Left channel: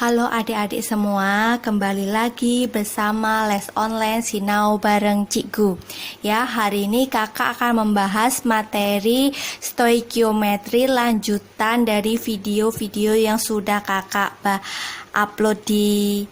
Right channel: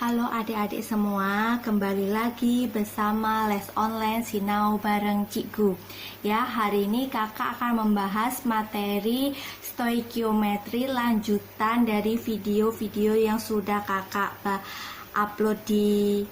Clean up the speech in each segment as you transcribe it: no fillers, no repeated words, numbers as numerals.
Halo adik-adik semua, kembali lagi bersama Les Online Sinau bareng Cikgu. Ya, hari ini kakak akan membahas materi stoikiometri lanjutan dari video-video yang sudah kakak upload di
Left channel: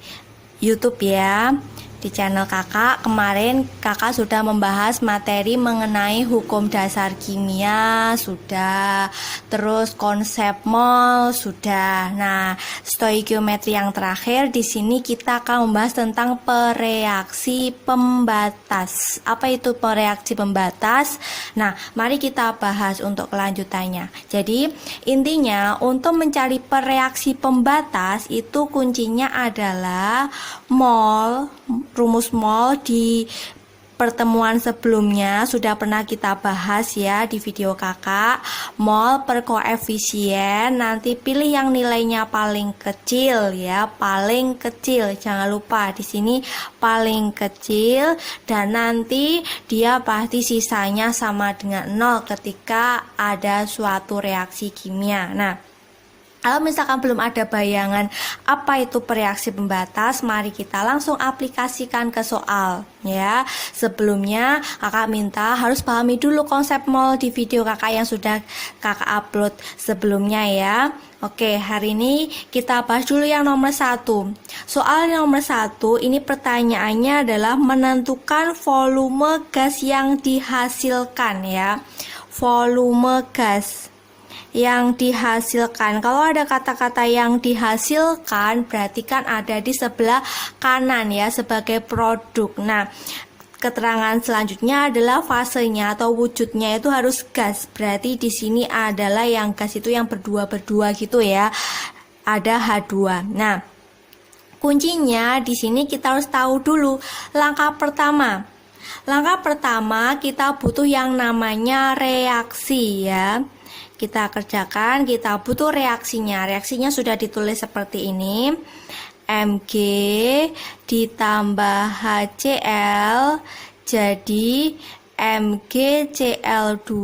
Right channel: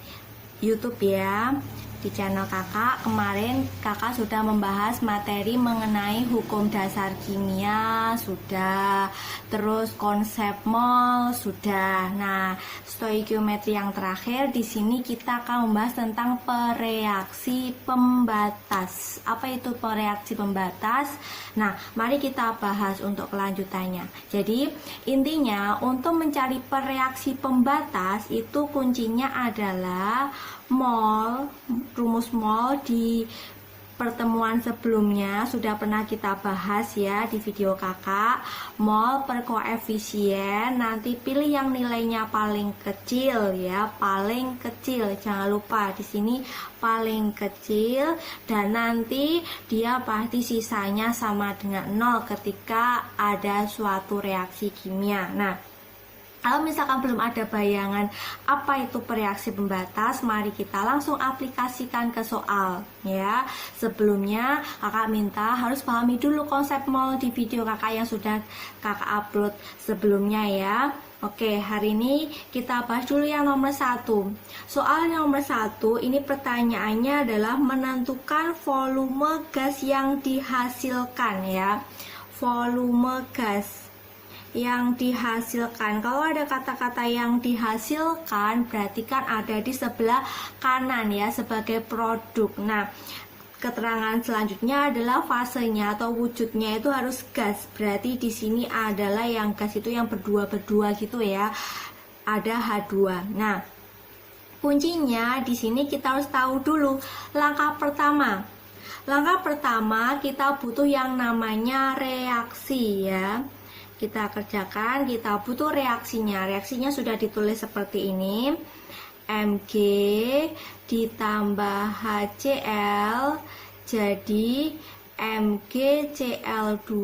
YouTube ya. Di channel kakak kemarin kakak sudah membahas materi mengenai hukum dasar kimia sudah, terus konsep mol sudah. Nah, stoikiometri yang terakhir di sini kita akan membahas tentang pereaksi pembatas. Apa itu pereaksi pembatas? Nah, mari kita bahas untuk kelanjutannya. Jadi, intinya untuk mencari pereaksi pembatas itu kuncinya adalah mol. Rumus mol di pertemuan sebelumnya sudah pernah kita bahas ya di video kakak. Mol per koefisien, nanti pilih yang nilainya paling kecil ya, paling kecil. Jangan lupa di sini paling kecil, dan nanti dia pasti sisanya sama dengan 0 ketika ada suatu reaksi kimia. Nah, kalau misalkan belum ada bayangan apa itu pereaksi pembatas, mari kita langsung aplikasikan ke soal ya. Sebelumnya kakak minta harus pahami dulu konsep mol di video kakak yang sudah kakak upload sebelumnya ya. Oke, hari ini kita bahas dulu yang nomor 1. Soal yang nomor 1 ini pertanyaannya adalah menentukan volume gas yang dihasilkan ya. Volume gas yang dihasilkan. Kalau ada kata-kata yang dihasilkan berarti kan ada di sebelah kanan ya sebagai produk. Nah, keterangan selanjutnya adalah fasenya atau wujudnya itu harus gas. Berarti di sini adalah yang gas itu yang berdua-berdua gitu ya. Ada H2. Nah, kuncinya di sini kita harus tahu dulu langkah pertama. Langkah pertama kita butuh yang namanya reaksi ya. Kita kerjakan, kita butuh reaksinya. Reaksinya sudah ditulis seperti ini. Mg ditambah HCl jadi MgCl2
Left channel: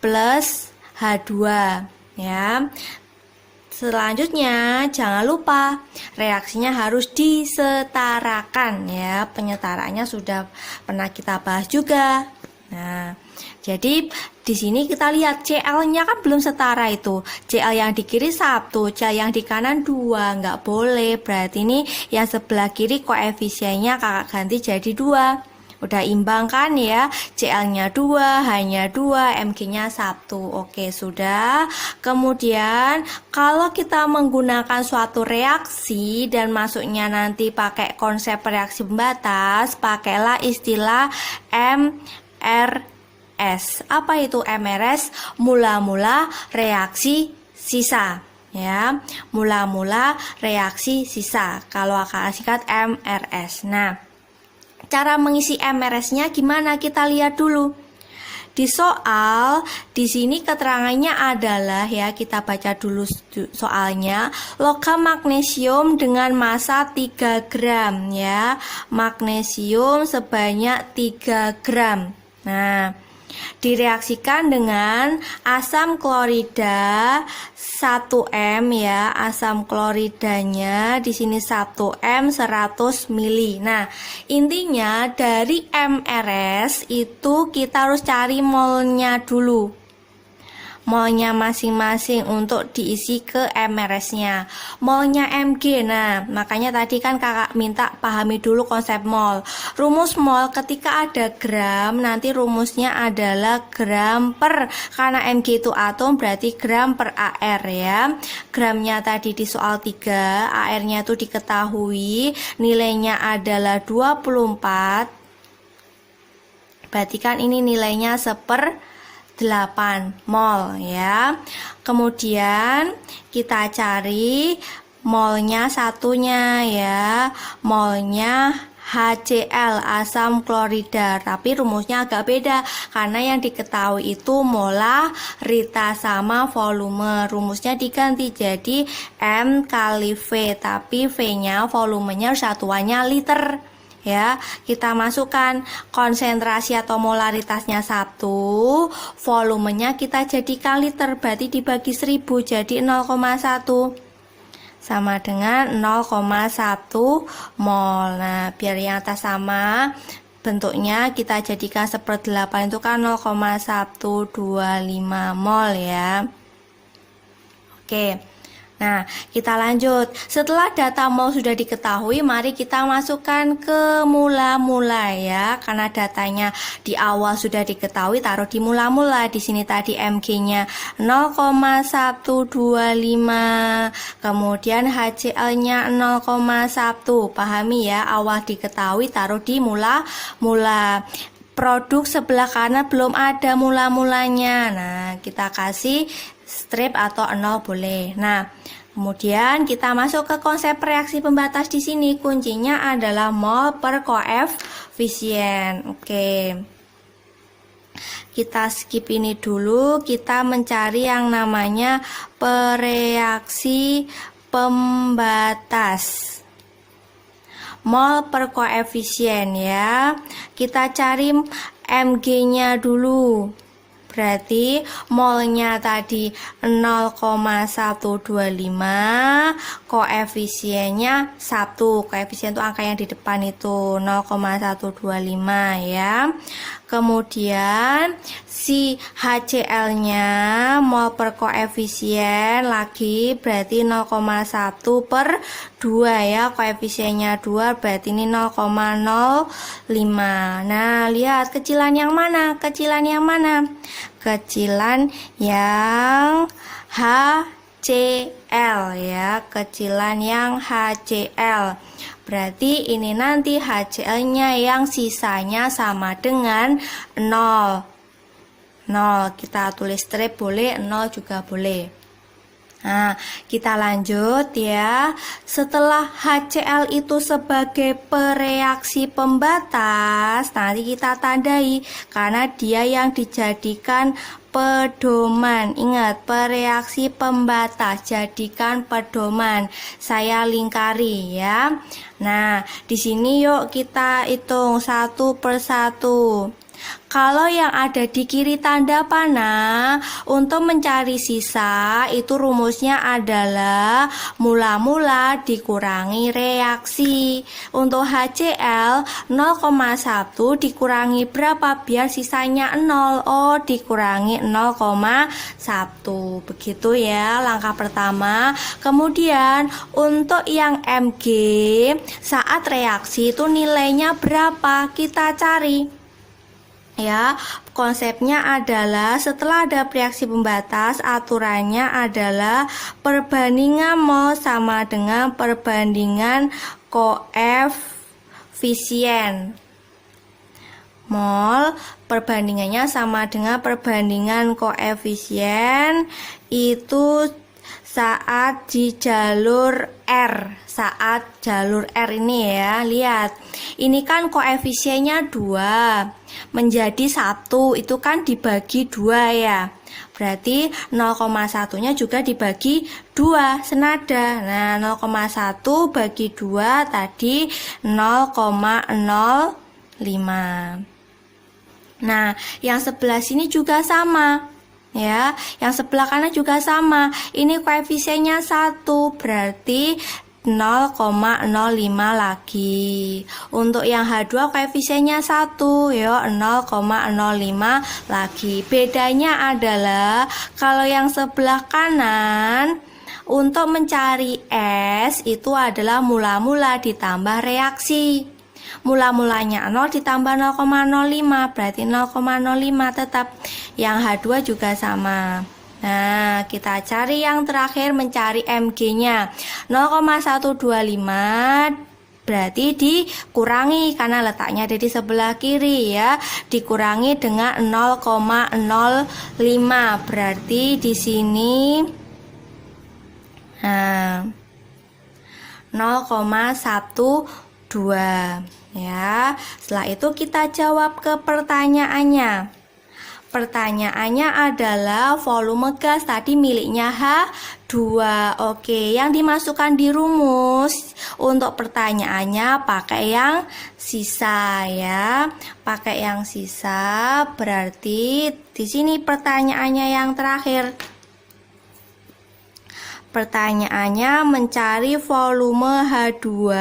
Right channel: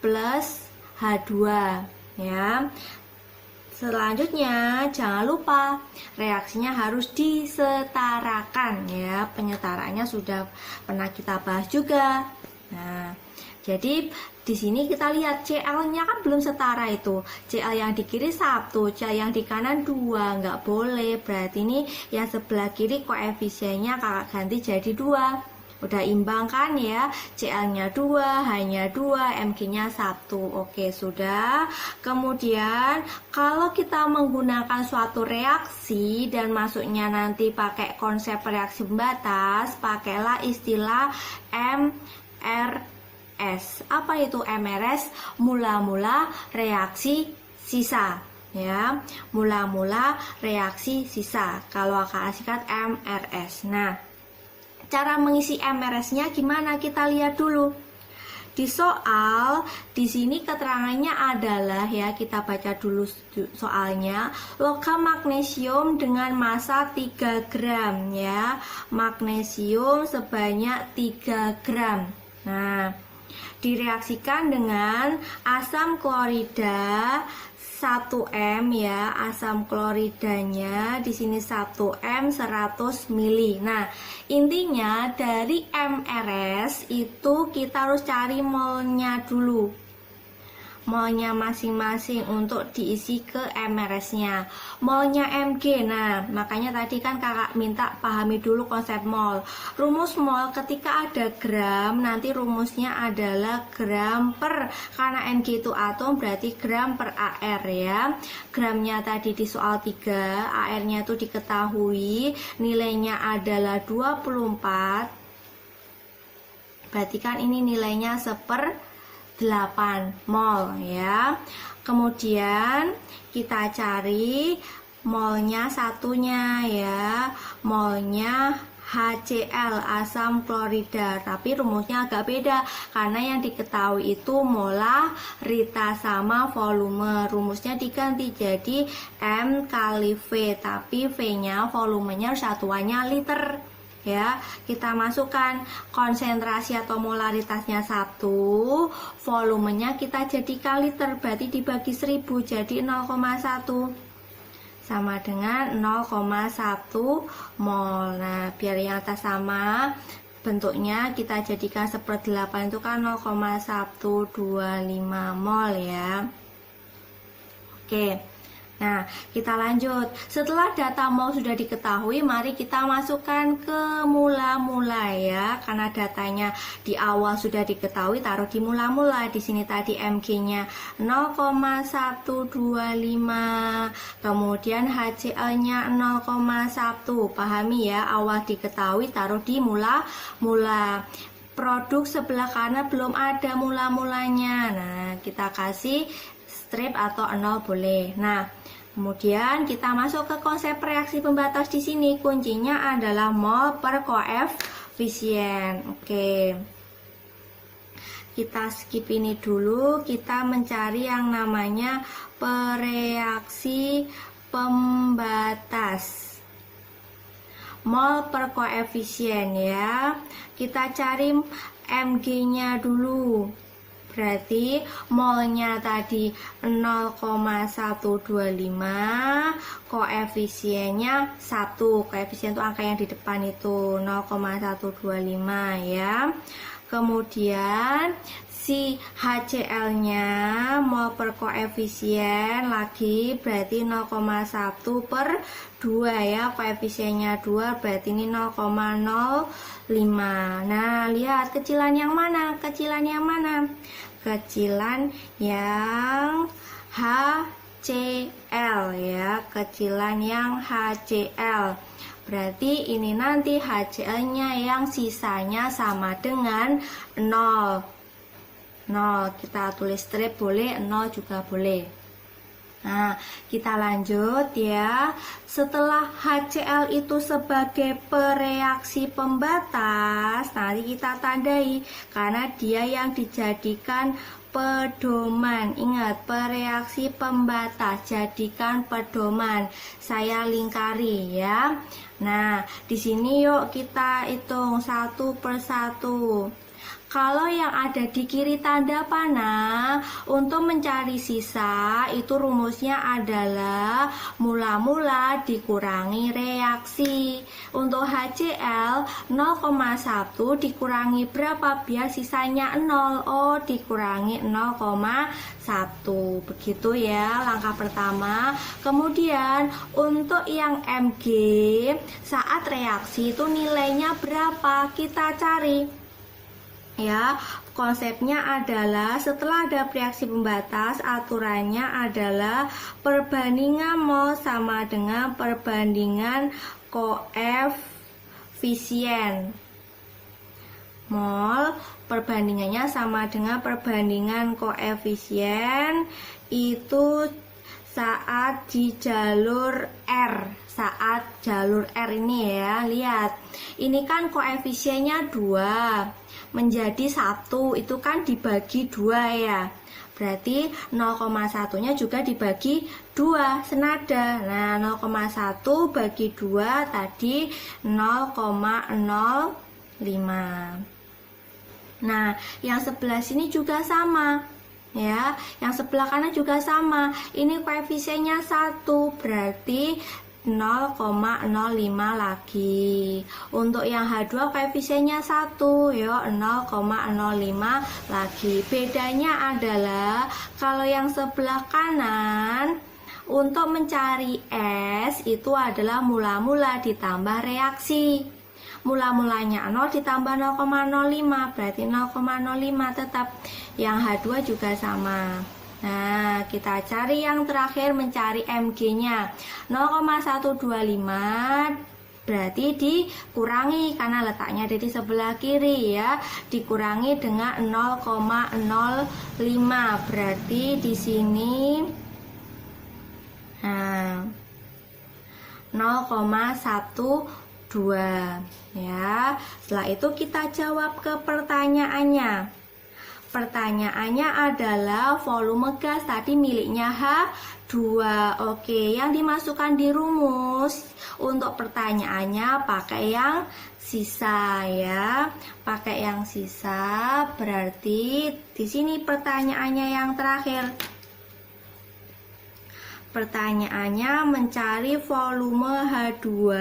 plus H2 ya. Selanjutnya jangan lupa reaksinya harus disetarakan ya. Penyetaraannya sudah pernah kita bahas juga. Nah, jadi di sini kita lihat Cl-nya kan belum setara itu. Cl yang di kiri 1, Cl yang di kanan 2, nggak boleh. Berarti ini yang sebelah kiri koefisiennya kakak ganti jadi 2. Udah imbang kan ya. Cl-nya 2, H-nya 2, Mg-nya 1. Oke, sudah. Kemudian kalau kita menggunakan suatu reaksi dan masuknya nanti pakai konsep reaksi pembatas, pakailah istilah MRS. Apa itu MRS? Mula-mula reaksi sisa ya. Mula-mula reaksi sisa. Kalau akan singkat MRS. Nah, cara mengisi MRS-nya gimana? Kita lihat dulu. Di soal, di sini keterangannya adalah ya, kita baca dulu soalnya. Logam magnesium dengan massa 3 gram ya. Magnesium sebanyak 3 gram. Nah, direaksikan dengan asam klorida 1M ya. Asam kloridanya di sini 1M 100 mili. Nah, intinya dari MRS itu kita harus cari molnya dulu. Molnya masing-masing untuk diisi ke MRS-nya. Molnya Mg. Nah, makanya tadi kan kakak minta pahami dulu konsep mol. Rumus mol ketika ada gram, nanti rumusnya adalah gram per, karena Mg itu atom berarti gram per AR ya. Gramnya tadi di soal 3, AR-nya itu diketahui, nilainya adalah 24. Berarti kan ini nilainya 1/8 mol ya. Kemudian kita cari molnya satunya ya. Molnya HCl, asam klorida, tapi rumusnya agak beda karena yang diketahui itu molaritas sama volume. Rumusnya diganti jadi M kali V, tapi V-nya volumenya satuannya liter. Ya, kita masukkan konsentrasi atau molaritasnya 1, volumenya kita jadikan liter, berarti dibagi 1000 jadi 0,1. sama dengan 0,1 mol. Nah, biar yang atas sama, bentuknya kita jadikan 1/8 itu kan 0,125 mol ya. Oke. Nah, kita lanjut. Setelah data mol sudah diketahui, mari kita masukkan ke mula-mula ya. Karena datanya di awal sudah diketahui, taruh di mula-mula. Di sini tadi Mg-nya 0,125. Kemudian HCl-nya 0,1. Pahami ya, awal diketahui taruh di mula-mula. Produk sebelah kanan belum ada mula-mulanya. Nah, kita kasih strip atau 0 boleh. Nah, kemudian kita masuk ke konsep reaksi pembatas di sini. Kuncinya adalah mol per koefisien. Oke. Kita skip ini dulu, kita mencari yang namanya pereaksi pembatas. Mol per koefisien ya. Kita cari Mg-nya dulu. Berarti molnya tadi 0,125, koefisiennya 1. Koefisien itu angka yang di depan itu 0,125 ya. Kemudian si HCl-nya mol per koefisien lagi berarti 0,1/2 ya. Koefisiennya 2 berarti ini 0,05. Nah, lihat kecilan yang mana? Kecilan yang mana? Kecilan yang HCl ya, kecilan yang HCl. Berarti ini nanti HCl-nya yang sisanya sama dengan 0. 0 kita tulis strip boleh, 0 juga boleh. Nah, kita lanjut ya. Setelah HCl itu sebagai pereaksi pembatas, nanti kita tandai karena dia yang dijadikan pedoman. Ingat, pereaksi pembatas, jadikan pedoman. Saya lingkari ya. Nah, di sini yuk kita hitung satu persatu. Kalau yang ada di kiri tanda panah, untuk mencari sisa itu rumusnya adalah mula-mula dikurangi reaksi. Untuk HCl 0,1 dikurangi berapa biar sisanya 0? Oh, dikurangi 0,1. Begitu ya langkah pertama. Kemudian untuk yang Mg saat reaksi itu nilainya berapa? Kita cari. Ya, konsepnya adalah setelah ada reaksi pembatas, aturannya adalah perbandingan mol sama dengan perbandingan koefisien. Mol perbandingannya sama dengan perbandingan koefisien itu saat di jalur R. Saat jalur R ini ya, lihat. Ini kan koefisiennya 2 menjadi 1, itu kan dibagi 2 ya. Berarti 0,1-nya juga dibagi 2 senada. Nah, 0,1 bagi 2 tadi 0,05. Nah, yang sebelah sini juga sama. Ya, yang sebelah kanan juga sama. Ini koefisiennya 1, berarti 0,05 lagi. Untuk yang H2 koefisiennya 1 ya, 0,05 lagi. Bedanya adalah kalau yang sebelah kanan untuk mencari S itu adalah mula-mula ditambah reaksi. Mula-mulanya 0 ditambah 0,05 berarti 0,05 tetap. Yang H2 juga sama. Nah, kita cari yang terakhir, mencari Mg-nya 0,125 berarti dikurangi karena letaknya ada di sebelah kiri ya. Dikurangi dengan 0,05 berarti di sini 0,12 ya. Setelah itu kita jawab ke pertanyaannya. Pertanyaannya adalah volume gas tadi miliknya H2. Oke, yang dimasukkan di rumus untuk pertanyaannya pakai yang sisa ya. Pakai yang sisa berarti di sini pertanyaannya yang terakhir. Pertanyaannya mencari volume H2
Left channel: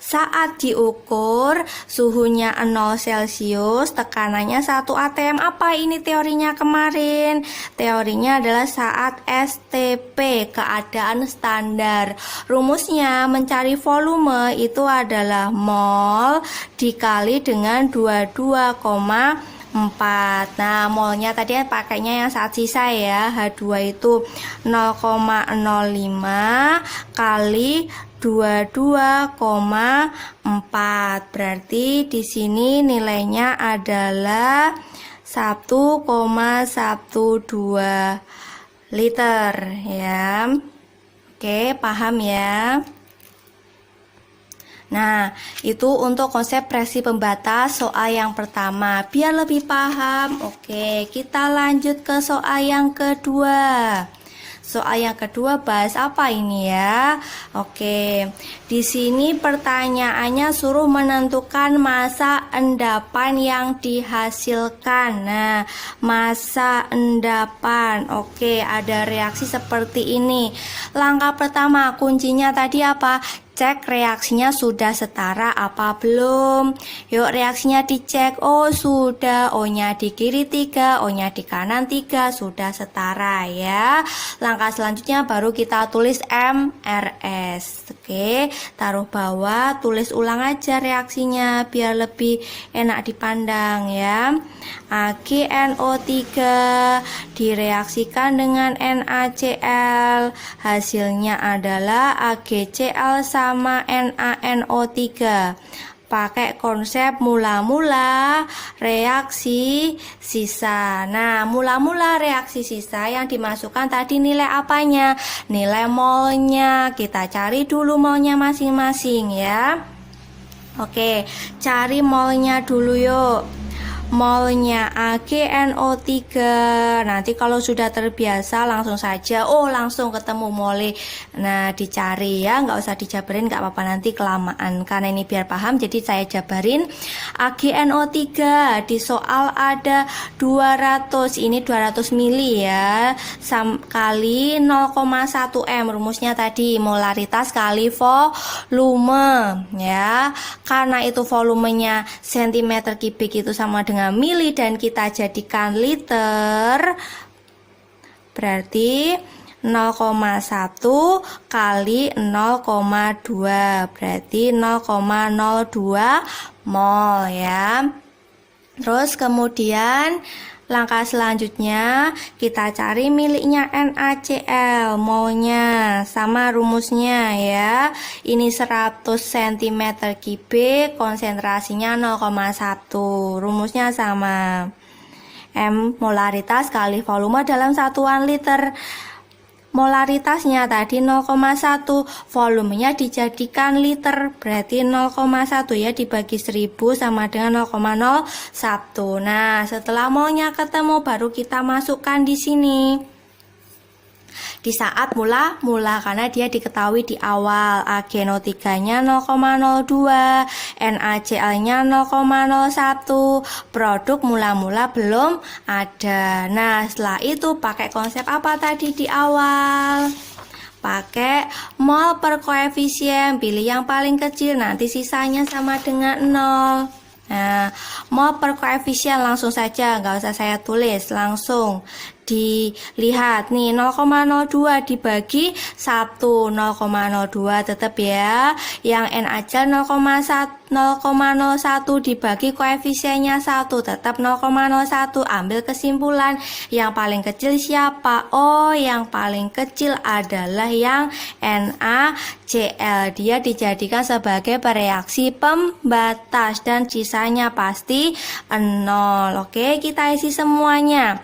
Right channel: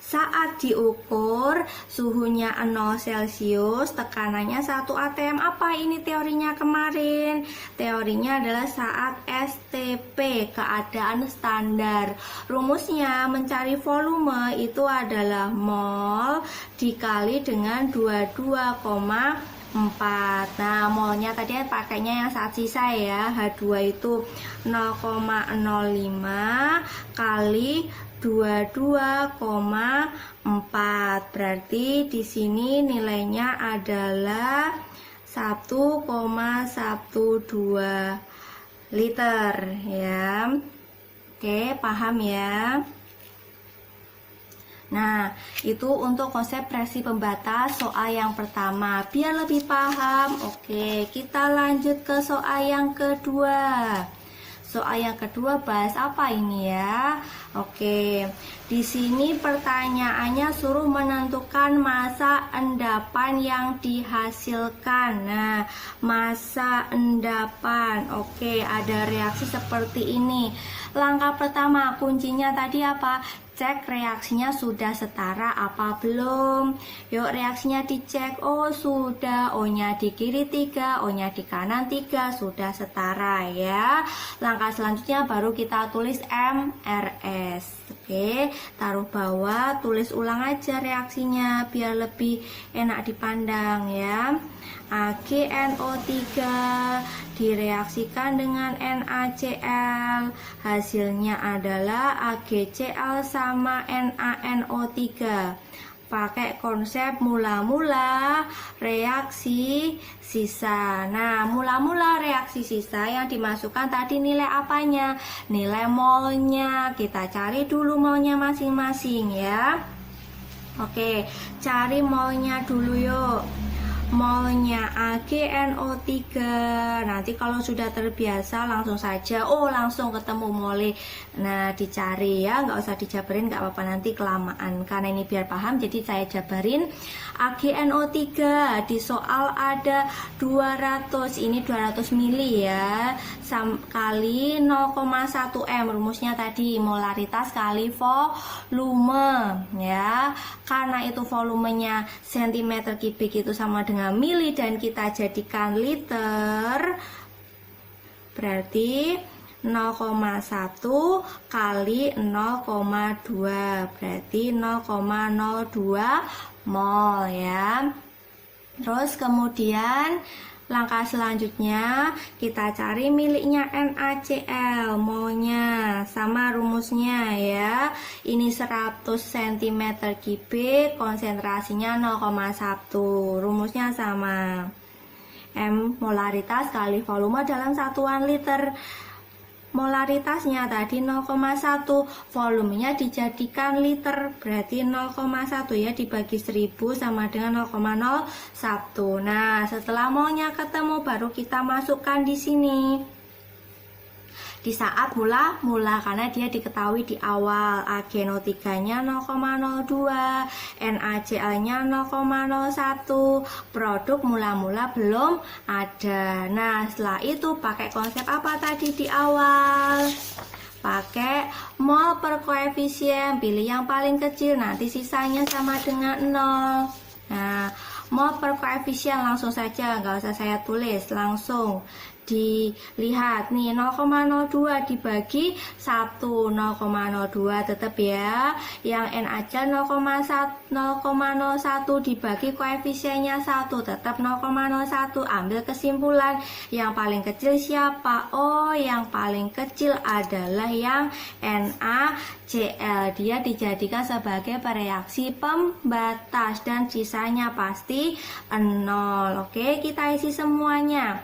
saat diukur suhunya 0 Celcius, tekanannya 1 atm. Apa ini teorinya kemarin? Teorinya adalah saat STP, keadaan standar. Rumusnya mencari volume itu adalah mol dikali dengan 22,4. Nah, molnya tadi pakainya yang saat sisa ya. H2 itu 0,05 kali 22,4. Berarti di sini nilainya adalah 1,12 liter ya. Oke, paham ya? Nah, itu untuk konsep presi pembatas soal yang pertama. Biar lebih paham, oke, kita lanjut ke soal yang kedua. Soal yang kedua bahas apa ini ya? Oke, di sini pertanyaannya suruh menentukan massa endapan yang dihasilkan. Nah, massa endapan. Oke, ada reaksi seperti ini. Langkah pertama, kuncinya tadi apa? Cek reaksinya sudah setara apa belum. Yuk reaksinya dicek. Oh sudah, O-nya di kiri 3, O-nya di kanan 3, sudah setara ya. Langkah selanjutnya baru kita tulis MRS. Oke, taruh bawah, tulis ulang aja reaksinya biar lebih enak dipandang ya. AgNO3 direaksikan dengan NaCl, hasilnya adalah AgCl sama NaNO3. Pakai konsep mula-mula reaksi sisa. Nah, mula-mula reaksi sisa yang dimasukkan tadi nilai apanya? Nilai molnya. Kita cari dulu molnya masing-masing ya. Oke, cari molnya dulu yuk. Molnya AgNO3. Nanti kalau sudah terbiasa langsung saja langsung ketemu mole. Nah dicari ya, nggak usah dijabarin, nggak apa-apa nanti kelamaan, karena ini biar paham jadi saya jabarin. AgNO3 di soal ada 200, ini 200 mili ya, kali 0,1 m. Rumusnya tadi molaritas kali volume ya, karena itu volumenya cm kubik itu sama dengan mili dan kita jadikan liter, berarti 0,1 kali 0,2 berarti 0,02 mol ya. Terus kemudian langkah selanjutnya kita cari miliknya NaCl, molnya sama rumusnya ya. Ini 100 cm kubik, konsentrasinya 0,1. Rumusnya sama. M molaritas kali volume dalam satuan liter. Molaritasnya tadi 0,1, volumenya dijadikan liter, berarti 0,1 ya dibagi 1000 sama dengan 0,01. Nah, setelah molnya ketemu baru kita masukkan di sini. Di saat mula-mula karena dia diketahui di awal. AgNO3-nya 0,02, NaCl-nya 0,01, produk mula-mula belum ada. Nah, setelah itu pakai konsep apa tadi di awal? Pakai mol per koefisien, pilih yang paling kecil, nanti sisanya sama dengan 0. Nah, mol per koefisien langsung saja, nggak usah saya tulis, langsung dilihat nih 0,02 dibagi 1, 0,02 tetap ya. Yang NaCl 0,01 dibagi koefisiennya 1 tetap 0,01. Ambil kesimpulan, yang paling kecil siapa? Oh, yang paling kecil adalah yang NaCl. Dia dijadikan sebagai bereaksi pembatas dan sisanya pasti 0. Oke, kita isi semuanya.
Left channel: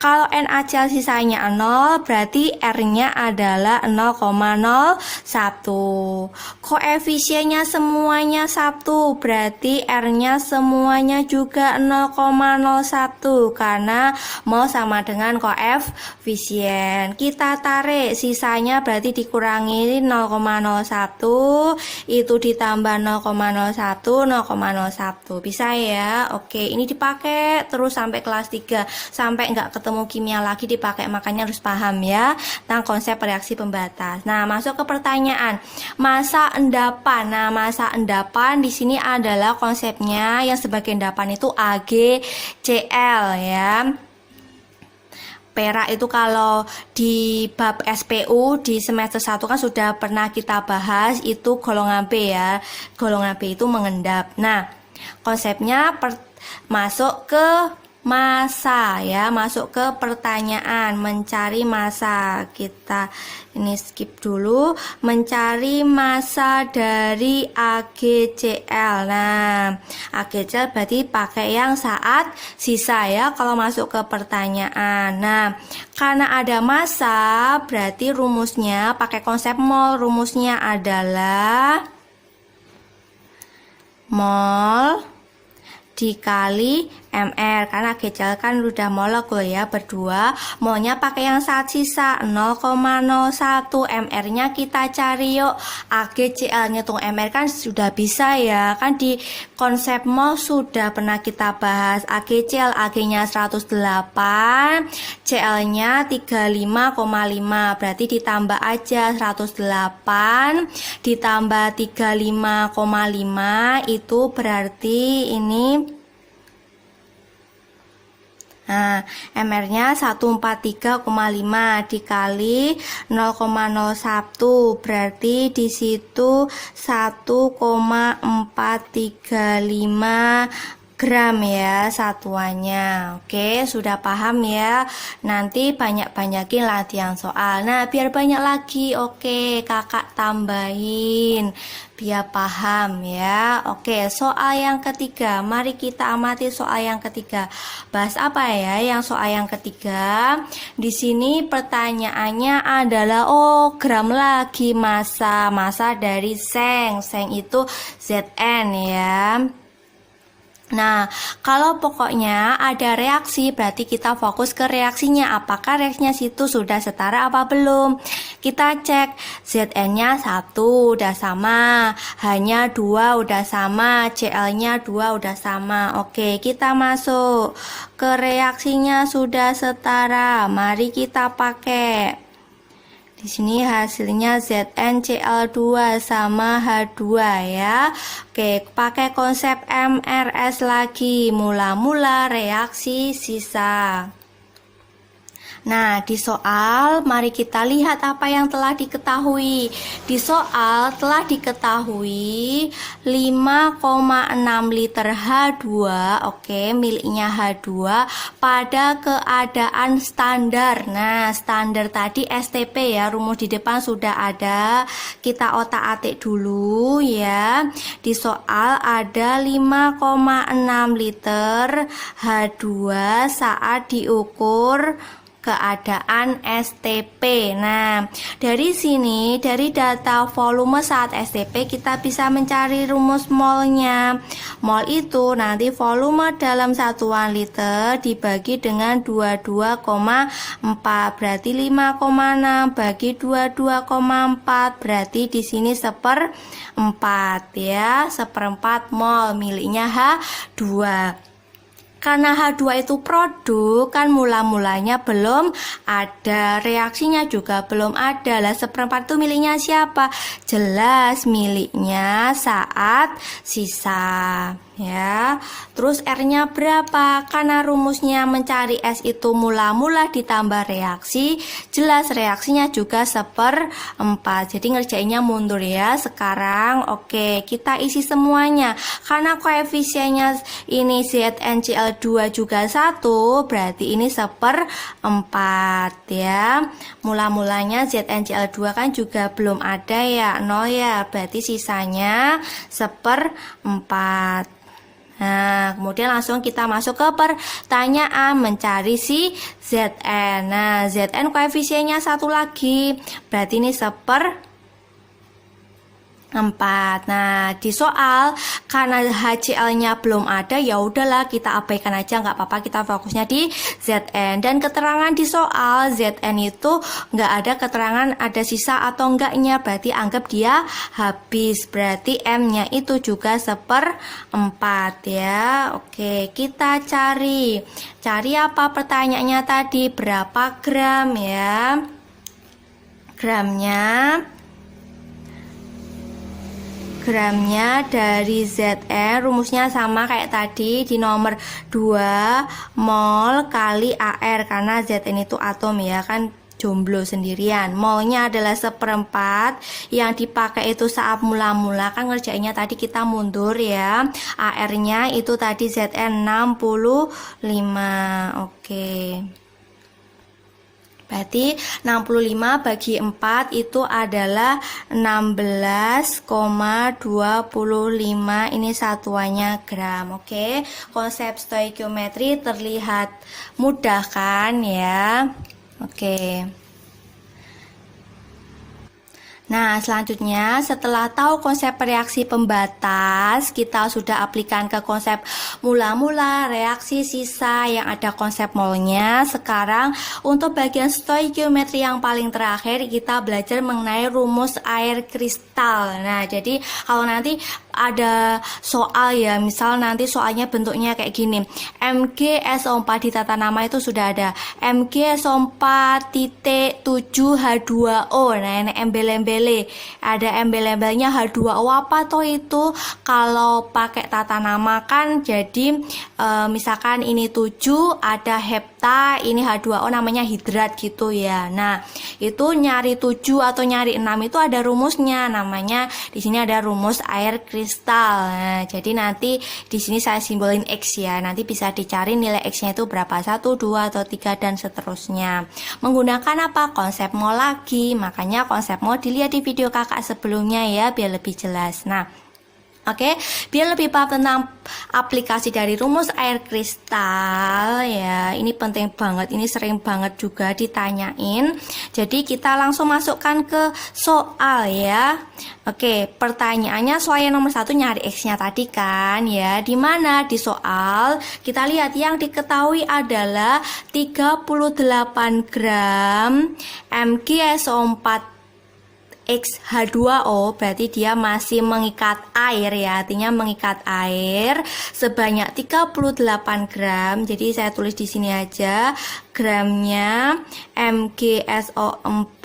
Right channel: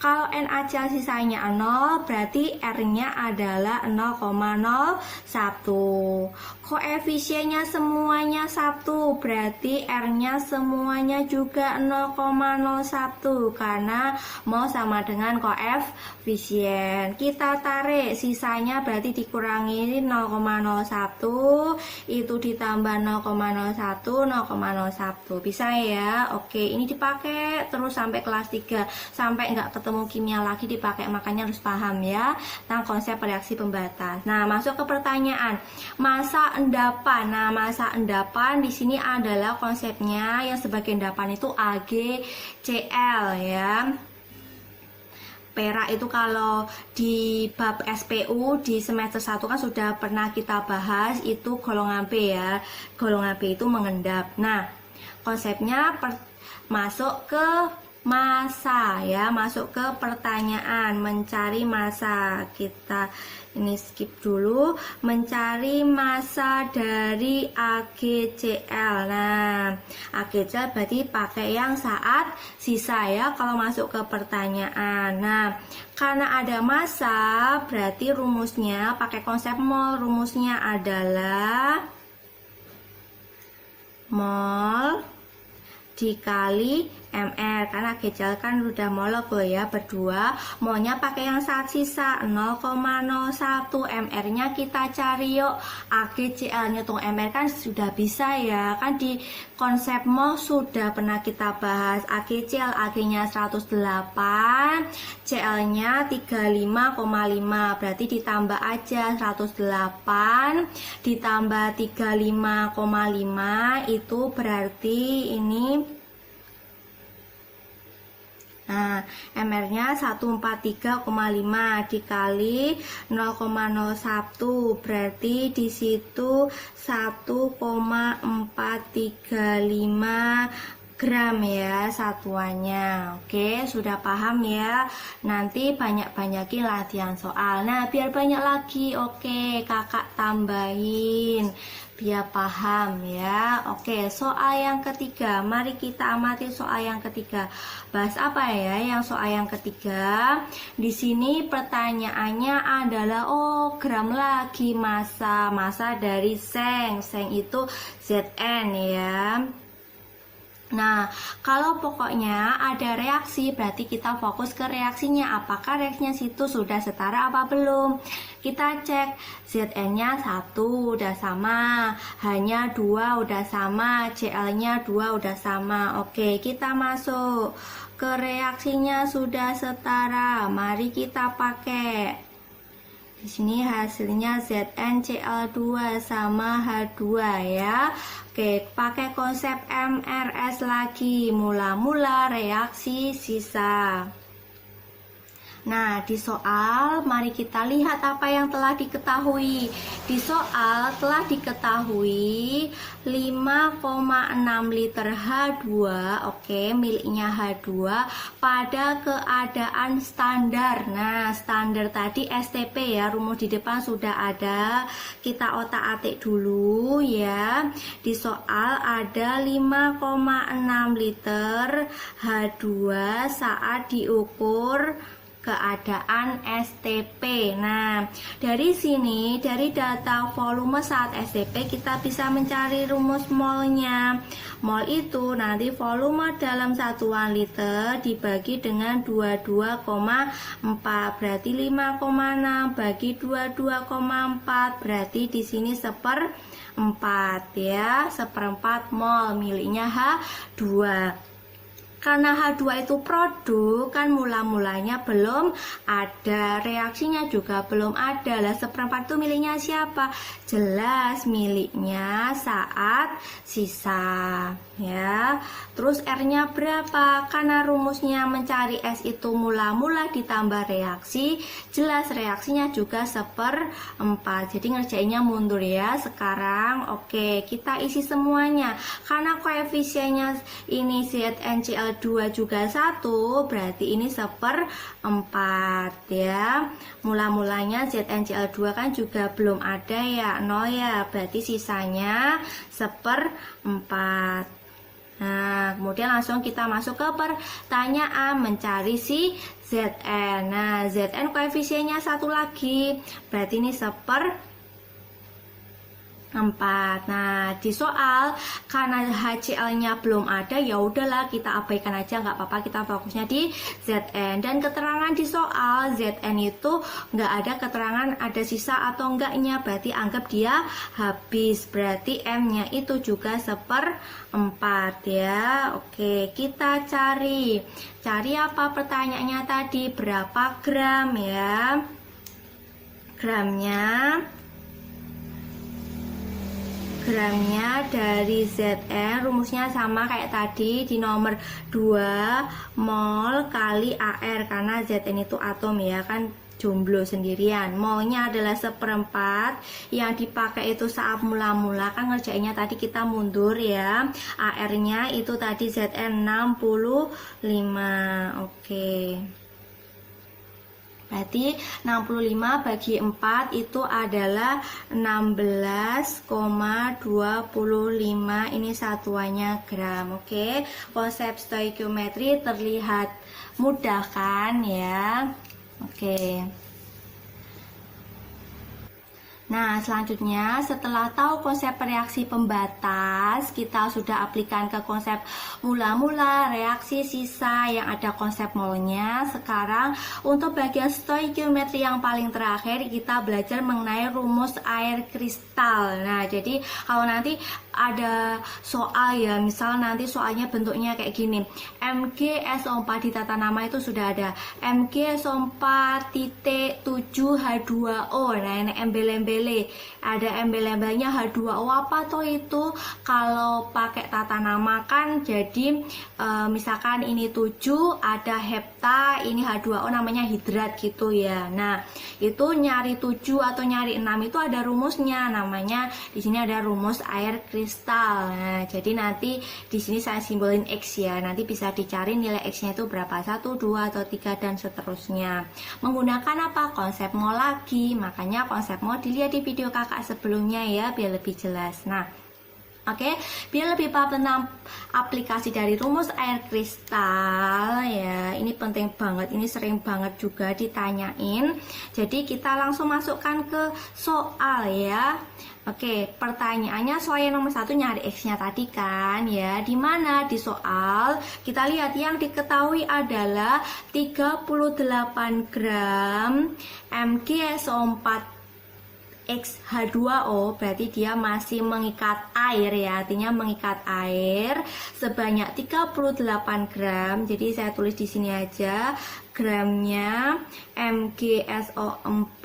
Kalau NaCl sisanya 0, berarti R-nya adalah 0,01. Koefisiennya semuanya 1, berarti R-nya semuanya juga 0,01 karena mol sama dengan koefisien. Kita tarik sisanya berarti dikurangi 0,01, itu ditambah 0,01, 0,01. Bisa ya? Oke, ini dipakai terus sampai kelas 3 sampai nggak ketemu ketemu kimia lagi dipakai, makanya harus paham ya tentang konsep reaksi pembatas. Nah, masuk ke pertanyaan massa endapan. Nah, massa endapan di sini adalah konsepnya yang sebagai endapan itu AgCl ya. Perak itu kalau di bab SPU di semester 1 kan sudah pernah kita bahas, itu golongan B ya. Golongan B itu mengendap. Nah, konsepnya masuk ke massa ya, masuk ke pertanyaan mencari massa. Kita ini skip dulu, mencari massa dari AgCl. Nah, AgCl berarti pakai yang saat sisa ya kalau masuk ke pertanyaan. Nah, karena ada massa berarti rumusnya pakai konsep mol. Rumusnya adalah mol dikali mR, karena AgCl kan udah molekul ya berdua, molnya pakai yang saat sisa 0,01, mR-nya kita cari yuk. AgCl ngitung mR kan sudah bisa ya, kan di konsep mol sudah pernah kita bahas. AgCl, Ag-nya 108, Cl-nya 35,5, berarti ditambah aja 108 ditambah 35,5 itu berarti ini. Nah, MR-nya 143,5 dikali 0,01 berarti di situ 1,435 gram ya satuannya. Oke, sudah paham ya. Nanti banyak-banyakin latihan soal. Nah, biar banyak lagi, oke, kakak tambahin biar paham ya. Oke, soal yang ketiga. Mari kita amati soal yang ketiga. Bahas apa ya yang soal yang ketiga? Di sini pertanyaannya adalah gram lagi massa dari seng. Seng itu Zn ya. Nah, kalau pokoknya ada reaksi, berarti kita fokus ke reaksinya. Apakah reaksinya situ sudah setara apa belum? Kita cek Zn-nya 1 udah sama, H-nya 2 udah sama, Cl-nya 2 udah sama. Oke, kita masuk ke reaksinya sudah setara. Mari kita pakai. Di sini hasilnya ZnCl2 sama H2 ya. Oke, pakai konsep MRS lagi. Mula-mula reaksi sisa. Nah, di soal mari kita lihat apa yang telah diketahui. Di soal telah diketahui 5,6 liter H2, oke, miliknya H2 pada keadaan standar. Nah, standar tadi STP ya, rumus di depan sudah ada. Kita otak-atik dulu ya. Di soal ada 5,6 liter H2 saat diukur keadaan STP. Nah, dari sini, dari data volume saat STP kita bisa mencari rumus molnya. Mol itu nanti volume dalam satuan liter dibagi dengan 22,4, berarti 5,6 bagi 22,4 berarti di sini 1/4 ya, 1/4 mol miliknya H2. Karena H2 itu produk, kan mula-mulanya belum ada, reaksinya juga belum ada. Lah 1/4 itu miliknya siapa? Jelas miliknya saat sisa ya. Terus R-nya berapa? Karena rumusnya mencari S itu mula-mula ditambah reaksi, jelas reaksinya juga 1/4. Jadi ngerjainnya mundur ya. Sekarang oke, kita isi semuanya. Karena koefisiennya ini ZnCl2 juga 1, berarti ini 1/4 ya. Mula-mulanya ZnCl2 kan juga belum ada ya, 0 ya, berarti sisanya 1/4. Nah, kemudian langsung kita masuk ke pertanyaan mencari si Zn. Nah, Zn koefisiennya 1 lagi, berarti ini 4. Nah, di soal karena HCl-nya belum ada, ya udahlah kita abaikan aja, nggak apa-apa, kita fokusnya di Zn. Dan keterangan di soal Zn itu nggak ada keterangan ada sisa atau enggaknya, berarti anggap dia habis. Berarti M-nya itu juga 1/4 ya. Oke, kita cari apa pertanyaannya tadi, berapa gram ya? Gramnya dari Zn rumusnya sama kayak tadi di nomor 2 mol kali AR, karena Zn itu atom ya kan, jomblo sendirian. Molnya adalah 1/4, yang dipakai itu saat mula-mula kan ngerjainnya tadi kita mundur ya. AR-nya itu tadi Zn 65. Oke. Berarti 65 bagi 4 itu adalah 16,25. Ini satuannya gram. Oke, konsep stoikiometri terlihat mudah kan ya. Oke. Nah, selanjutnya setelah tahu konsep reaksi pembatas, kita sudah aplikan ke konsep mula-mula, reaksi sisa yang ada konsep molnya. Sekarang untuk bagian stoikiometri yang paling terakhir, kita belajar mengenai rumus air kristal. Nah, jadi kalau nanti ada soal ya, misal nanti soalnya bentuknya kayak gini, MgSO4 di tata nama itu sudah ada MgSO4.7H2O. Nah, ini embel-embel, ada embel-embelnya H2O. apa toh itu? Kalau pakai tata nama kan jadi misalkan ini 7 ada hepta, ini H2O namanya hidrat gitu ya. Nah, itu nyari 7 atau nyari 6 itu ada rumusnya, namanya di sini ada rumus air kristal. Nah, jadi nanti di sini saya simbolin X ya. Nanti bisa dicari nilai X-nya itu berapa, 1, 2 atau 3 dan seterusnya. Menggunakan apa? Konsep mol lagi. Makanya konsep mol dilihat di video kakak sebelumnya ya, biar lebih jelas. Nah, oke, biar lebih paham tentang aplikasi dari rumus air kristal ya, ini penting banget, ini sering banget juga ditanyain. Jadi kita langsung masukkan ke soal ya. Oke, pertanyaannya soal yang nomor 1 nyari X-nya tadi kan ya. Dimana di soal kita lihat yang diketahui adalah 38 gram MgSO4 H2O, berarti dia masih mengikat air ya, artinya mengikat air sebanyak 38 gram. Jadi saya tulis di sini aja gramnya MgSO4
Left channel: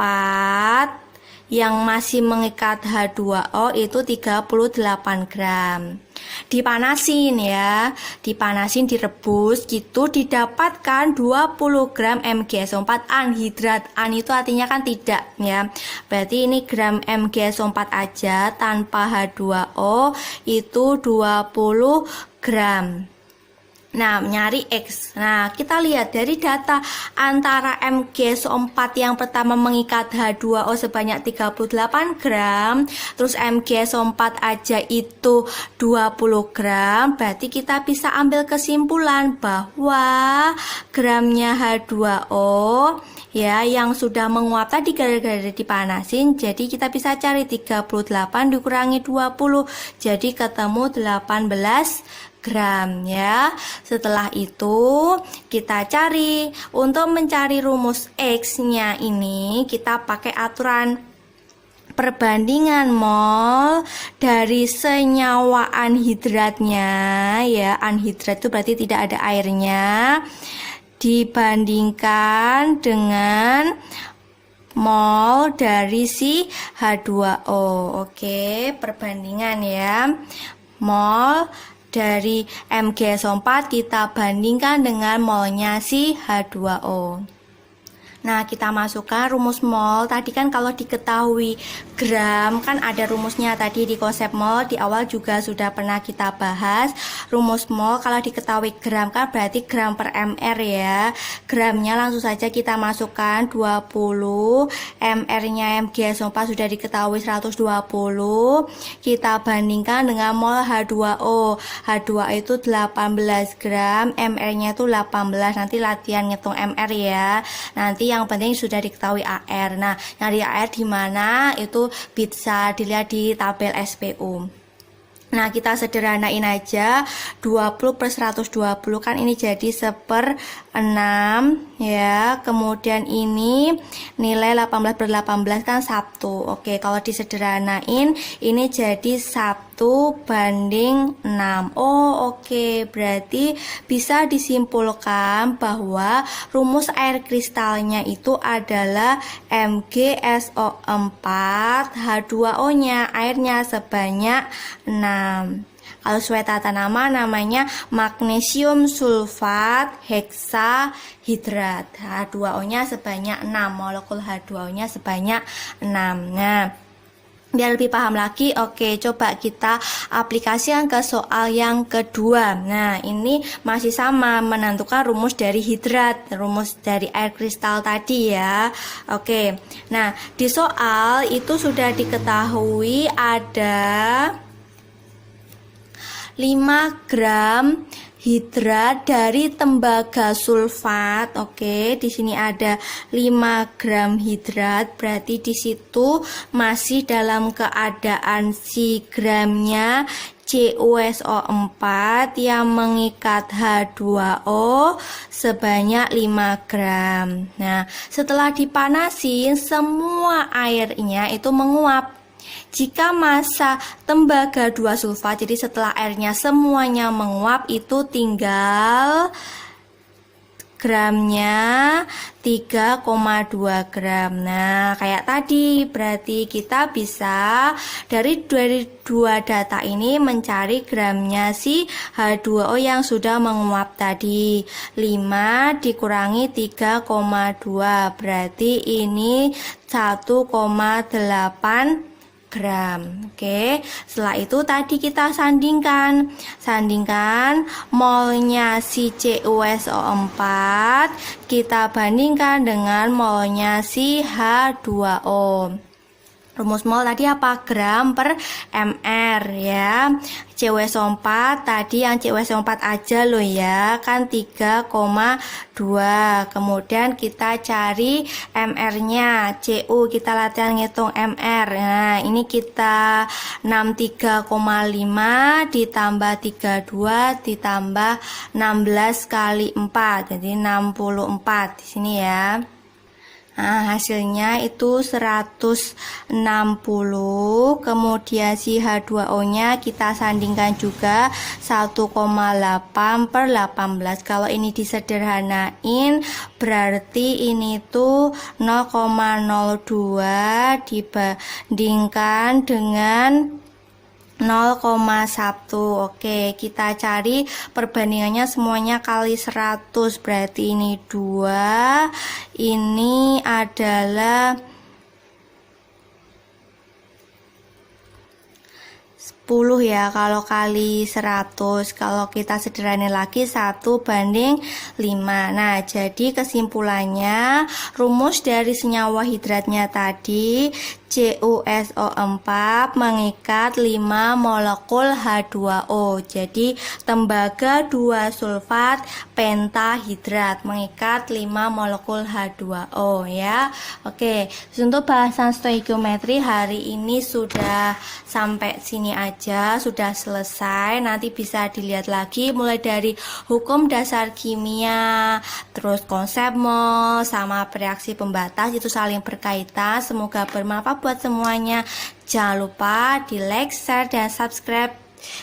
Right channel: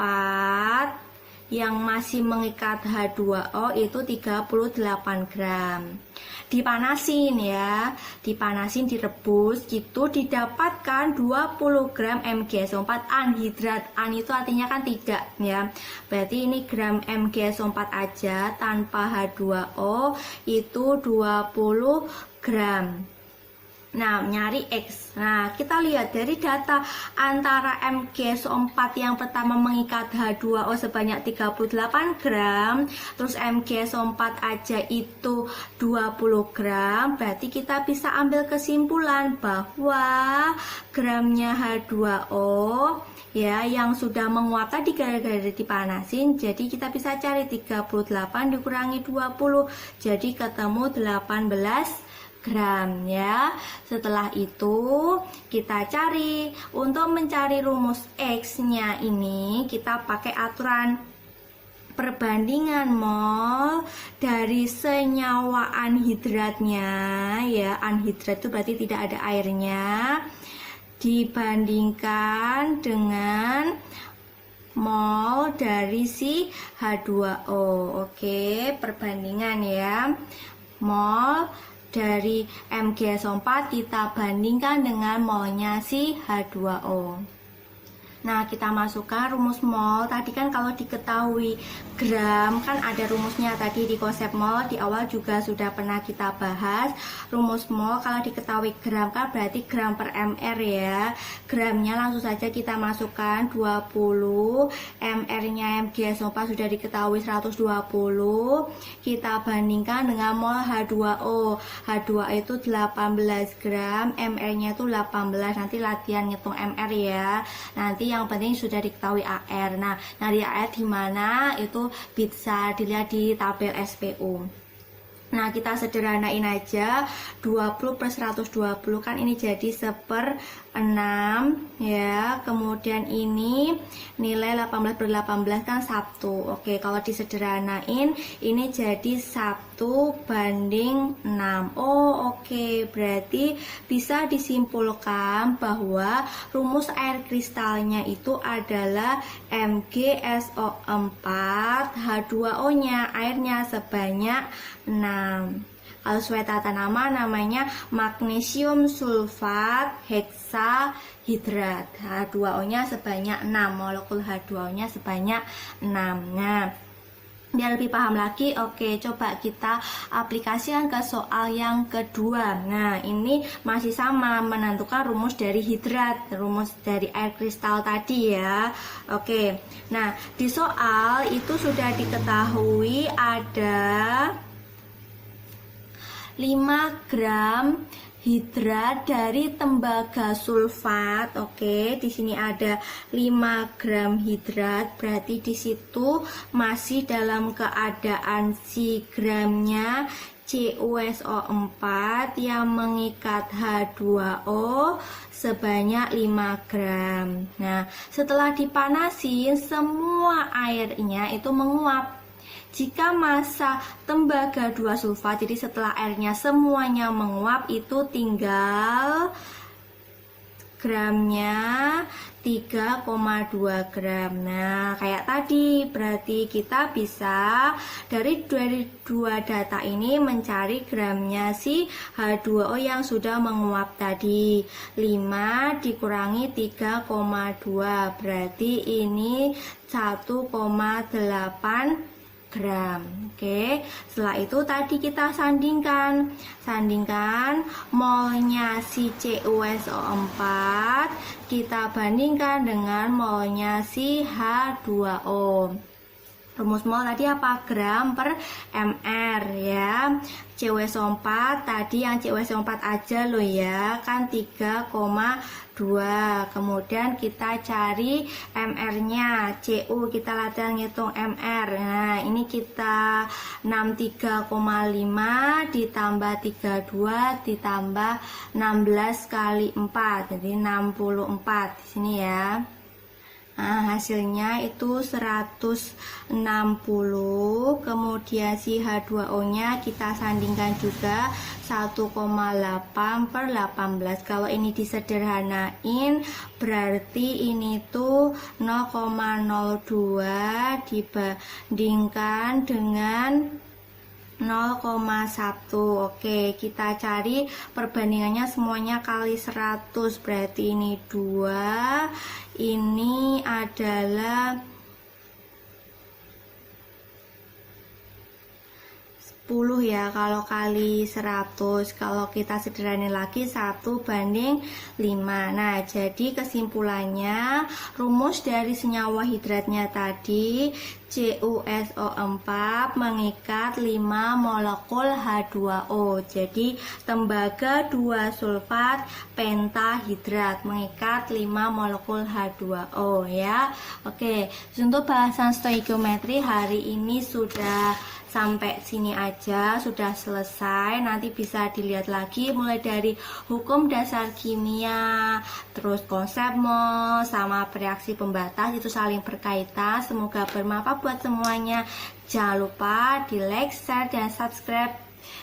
yang masih mengikat H2O itu 38 gram. Dipanasin ya, dipanasin, direbus gitu, didapatkan 20 gram MgSO4 anhidrat. An itu artinya kan tidak ya, berarti ini gram MgSO4 aja tanpa H2O itu 20 gram. Nah, nyari X. Nah, kita lihat dari data antara MgSO4 yang pertama mengikat H2O sebanyak 38 gram, terus MgSO4 aja itu 20 gram, berarti kita bisa ambil kesimpulan bahwa gramnya H2O ya yang sudah menguap tadi gara-gara dipanasin, jadi kita bisa cari 38 dikurangi 20, jadi ketemu 18 gram ya. Setelah itu kita cari, untuk mencari rumus X-nya ini kita pakai aturan perbandingan mol dari senyawa anhidratnya ya. Anhidrat itu berarti tidak ada airnya, dibandingkan dengan mol dari si H2O. Oke, perbandingan ya. Mol dari MgSO4 kita bandingkan dengan molnya si H2O. Nah, kita masukkan rumus mol. Tadi kan kalau diketahui gram kan ada rumusnya tadi di konsep mol, di awal juga sudah pernah kita bahas. Rumus mol kalau diketahui gram kan berarti gram per mr ya. Gramnya langsung saja kita masukkan 20, mr-nya MgSO4 sudah diketahui 120. Kita bandingkan dengan mol H2O. H2O itu 18 gram, mr-nya itu 18. Nanti latihan ngitung mr ya. Nanti yang penting sudah diketahui AR. Nah, nyari AR di mana itu bisa dilihat di tabel SPU. Nah, kita sederhanain aja, 20 per 120 kan ini jadi 1/6 ya. Kemudian ini nilai 18 per 18 kan 1. Oke, kalau disederhanain ini jadi 1/6. Oh, oke. Berarti bisa disimpulkan bahwa rumus air kristalnya itu adalah MgSO4, H2O-nya airnya sebanyak 6. Kalau sesuai tata nama namanya magnesium sulfat heksahidrat. H2O-nya sebanyak 6, molekul H2O-nya sebanyak 6. Nah, biar lebih paham lagi, oke, coba kita aplikasikan ke soal yang kedua. Nah, ini masih sama, menentukan rumus dari hidrat, rumus dari air kristal tadi ya. Oke, nah di soal itu sudah diketahui ada 5 gram hidrat dari tembaga sulfat. Oke, di sini ada 5 gram hidrat, berarti di situ masih dalam keadaan si gramnya CuSO4 yang mengikat H2O sebanyak 5 gram. Nah, setelah dipanasin semua airnya itu menguap. Jika massa tembaga 2 sulfat, jadi setelah airnya semuanya menguap, itu tinggal gramnya 3,2 gram. Nah, kayak tadi, berarti kita bisa dari dua data ini mencari gramnya si H2O yang sudah menguap tadi. 5 dikurangi 3,2, berarti ini 1,8 gram. Oke, setelah itu tadi kita sandingkan molnya si CuSO4 kita bandingkan dengan molnya si H2O. Rumus mol tadi apa? Gram per mr ya. CuSO4 tadi yang CuSO4 aja loh ya, kan 3,2. Kemudian kita cari mr-nya. Cu kita latihan ngitung mr. Nah, ini kita 63,5 ditambah 32 ditambah 16 kali 4. Jadi 64 di sini ya. Nah, hasilnya itu 160. Kemudian si H2O-nya kita sandingkan juga 1,8 per 18. Kalau ini disederhanain berarti ini tuh 0,02 dibandingkan dengan 0,1. Oke, kita cari perbandingannya semuanya kali 100, berarti ini 2, ini adalah 10 ya, kalau kali 100. Kalau kita sederhanain lagi 1/5. Nah, jadi kesimpulannya rumus dari senyawa hidratnya tadi CuSO4 mengikat 5 molekul H2O. Jadi tembaga 2 sulfat pentahidrat mengikat 5 molekul H2O ya. Oke, untuk bahasan stoikiometri hari ini sudah sampai sini aja, sudah selesai. Nanti bisa dilihat lagi mulai dari hukum dasar kimia, terus konsep mol sama reaksi pembatas itu saling berkaitan. Semoga bermanfaat buat semuanya. Jangan lupa di like, share, dan subscribe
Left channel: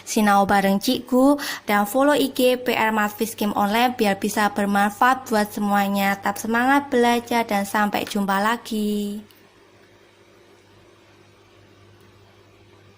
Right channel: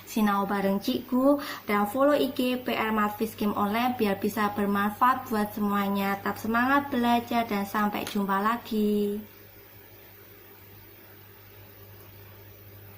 Sinau bareng Cikgu, dan follow IG PR Matfis Game Online biar bisa bermanfaat buat semuanya. Tetap semangat belajar dan sampai jumpa lagi.